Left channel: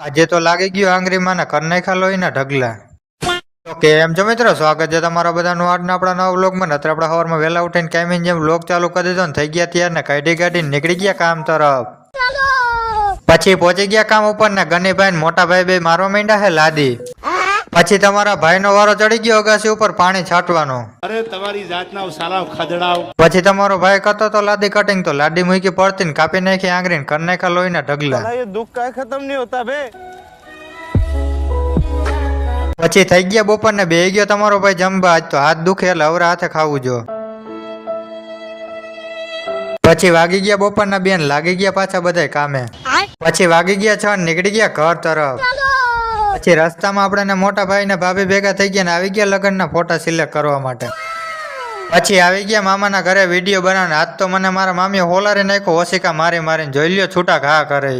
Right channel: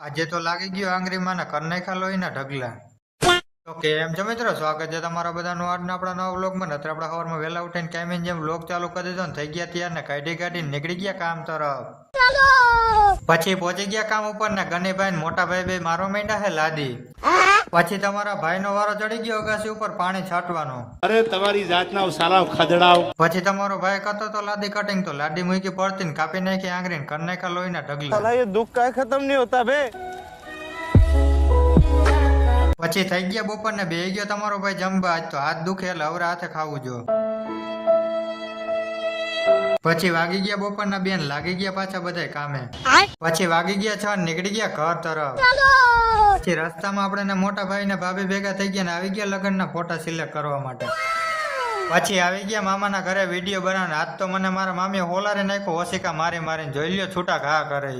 આજે તો લાગી ગયું આંગળી માના કર નાખ્યા લોહીના ઢગલા. તો કેમ છો મિત્રો, સ્વાગત છે તમારા બધાનું આજના આપણા નવા વ્લોગમાં. નત્ર આપણા સવારમાં વહેલા ઉઠીને કાયમી જેમ વ્લોગ ચાલુ કરી દીધો ને થઈ ગયા ત્યાર ને કાઢીને નીકળી ગયા કામ તરફ. પછી પહોંચી ગયા કામ ઉપર ને ગનીભાઈ ને મોટા ભાઈ બે મારવા માંડ્યા હે લાદી. પછી તમારા ભાઈનો વારો ચડી ગયો અગાસી ઉપર પાણી છાંટવાનો. અરે તમારી જાતના સાલાવ ખદડાવ. પછી તમારો ભાઈ કરતો તો લાદી કટિંગ, તો લાદી મૂકી પડતી ને કાપી નાખી આંગળી ને કરી નાખ્યા લોહીના ઢગલા. ये दुख का खत्म नहीं होता बे। પછી થઈ ગયા બપોર ને બે ગયો તમારો ભાઈ જમવા. આજ તો હાથ દુખે એટલે અવરા હાથે ખાવું જો. પછી વાગી ગયા બપોરના બેન, લાગી ગયા પાછા બધા કામે. પછી વાગી ગયા 6 નીકળી ગયા ઘર તરફ. પછી રસ્તામાં આપણે મોટા ભાઈ ને ભાભી ભેગા થઈ ગયા ને આવી ગયા લગ્નના ફોટા સિલેક્ટ કરવા માટે. પછી આવી ગયા મામાના ઘરે વિડીયો બનાવને. આજ તો મને મારા મામીએ હોલારી નાખ્યો ઓશિકા મારી મારીને. જોઈ લ્યો છૂટા ઘા કરે.